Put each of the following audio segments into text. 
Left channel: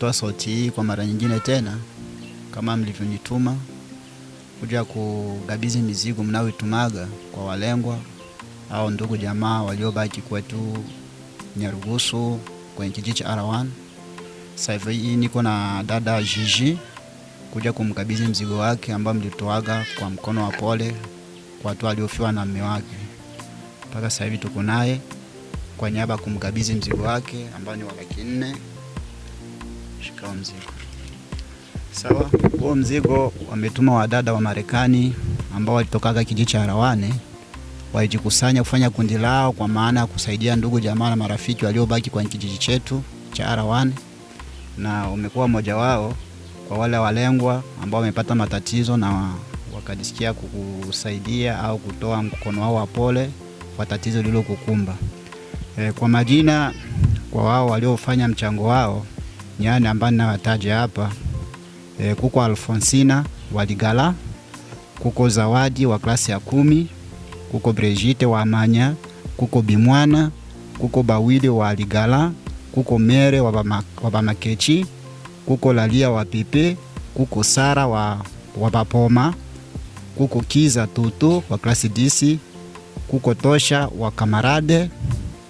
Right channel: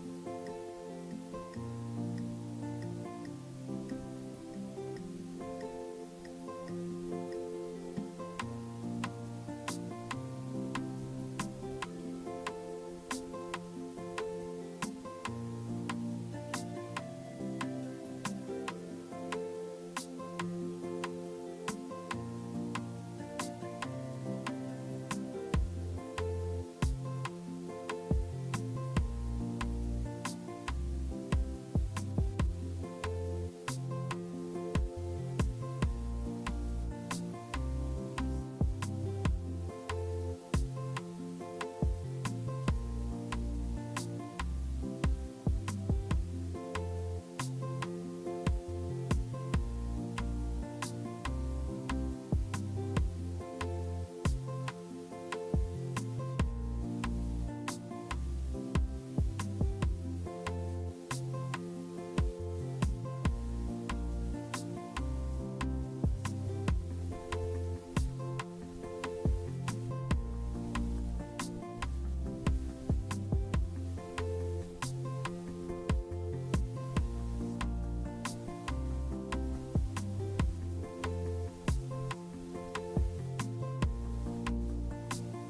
nimetoa sauti hii kwa mara nyingine tena kama mlivyonituma kuja kukabidhi mizigo mnaoitumaga kwa walengwa au ndugu jamaa waliobaki kwetu Nyarugusu kwenye kijiji cha Arawan. Sasa hivi niko na dada Gigi kuja kumkabidhi mzigo wake ambao mlitoaga kwa mkono wa pole kwa watu waliofiwa na mume wake. Mpaka sasa hivi tuko naye kwa niaba kumkabidhi mzigo wake ambao ni wa laki 4. Shika mzigo. Sawa, huo mzigo wametuma wadada wa Marekani ambao walitokaga kijiji cha Arawane, walijikusanya kufanya kundi lao kwa maana ya kusaidia ndugu jamaa na marafiki waliobaki kwenye kijiji chetu cha Arawane, na umekuwa mmoja wao kwa wale walengwa ambao wamepata matatizo na wakajisikia kukusaidia au kutoa mkono wao wa pole kwa tatizo lililokukumba. Kwa majina kwa wao waliofanya mchango wao nyani ambao ninawataja hapa, kuko Alfonsina Waligala, kuko Zawadi wa klasi ya 10, kuko Brigitte wa Amanya, kuko Bimwana, kuko Bawili wa Waligala, kuko Mere wa Bamakechi, kuko Lalia wa Pepe, kuko Sara wa Bapoma, kuko Kiza Tutu wa klasi 10, kuko Tosha wa Kamarade,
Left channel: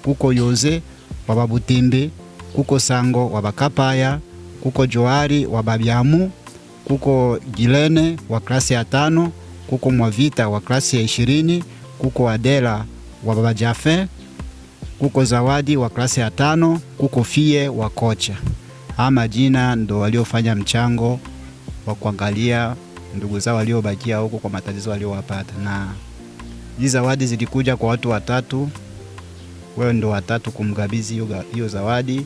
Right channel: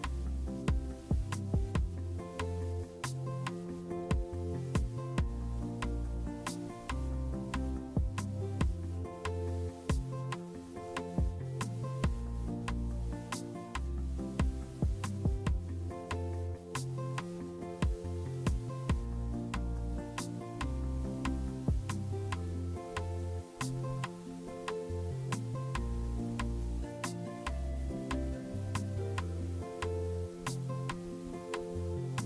kuko Yoze wa Babutimbe, kuko Sango wa Bakapaya, kuko Joari wa Babyamu, kuko Gilene wa klasi ya 5, kuko Mwavita wa klasi ya 20, kuko Adela wa Baba Jafe, kuko Zawadi wa klasi ya 5, kuko Fie wa Kocha. Hama jina ndo waliofanya mchango wa kuangalia ndugu zao waliobakia huko kwa matatizo waliowapata, na hizo zawadi zilikuja kwa watu watatu. Wewe ndo watatu kumkabidhi hiyo zawadi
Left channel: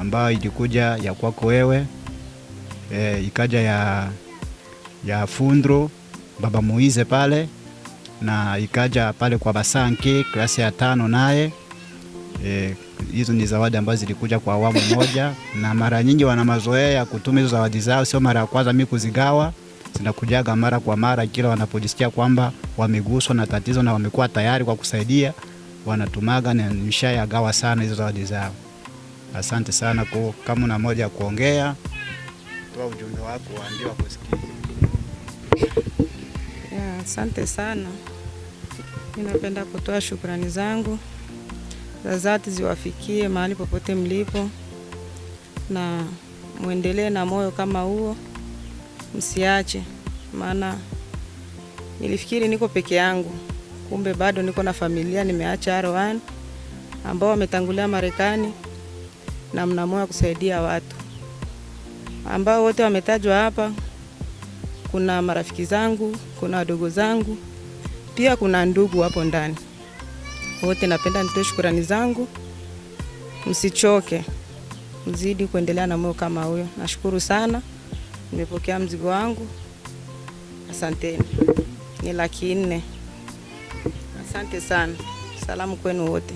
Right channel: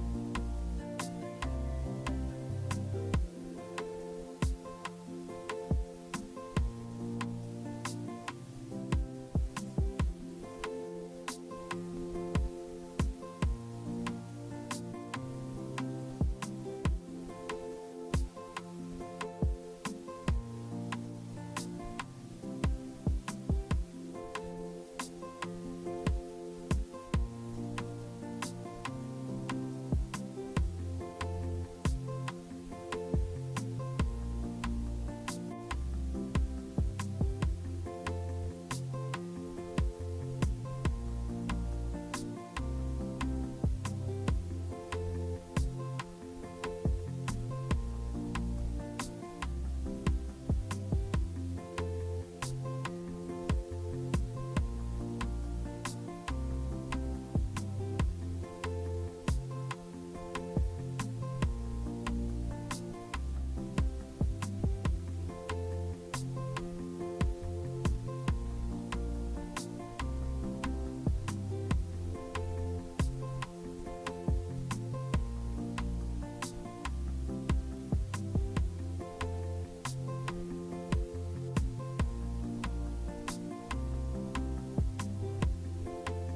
ambayo ilikuja ya kwako wewe, ikaja ya Fundro Baba Moize pale, na ikaja pale kwa Basanke klasi ya 5 naye. Hizo ni zawadi ambazo zilikuja kwa awamu moja, na mara nyingi wana mazoea ya kutuma hizo zawadi zao, sio mara ya kwanza mimi kuzigawa, zinakujaga mara kwa mara kila wanapojisikia kwamba wameguswa na tatizo na wamekuwa tayari kwa kusaidia, wanatumaga, na nishayagawa sana hizo zawadi zao. Asante sana. Kwa kama una moja kuongea, toa ujumbe wako waambie wakusikie. Asante sana. Ninapenda kutoa shukrani zangu za dhati ziwafikie mahali popote mlipo, na muendelee na moyo kama huo, msiache. Maana nilifikiri niko peke yangu, kumbe bado niko na familia. Nimeacha Arawan ambao wametangulia Marekani, na mna moyo kusaidia watu ambao wote wametajwa hapa. Kuna marafiki zangu, kuna wadogo zangu, pia kuna ndugu hapo ndani. Wote napenda nitoe shukrani zangu. Msichoke, mzidi kuendelea na moyo kama huyo. Nashukuru sana, nimepokea mzigo wangu. Asanteni. Ni laki 4. Asante sana. Salamu kwenu wote.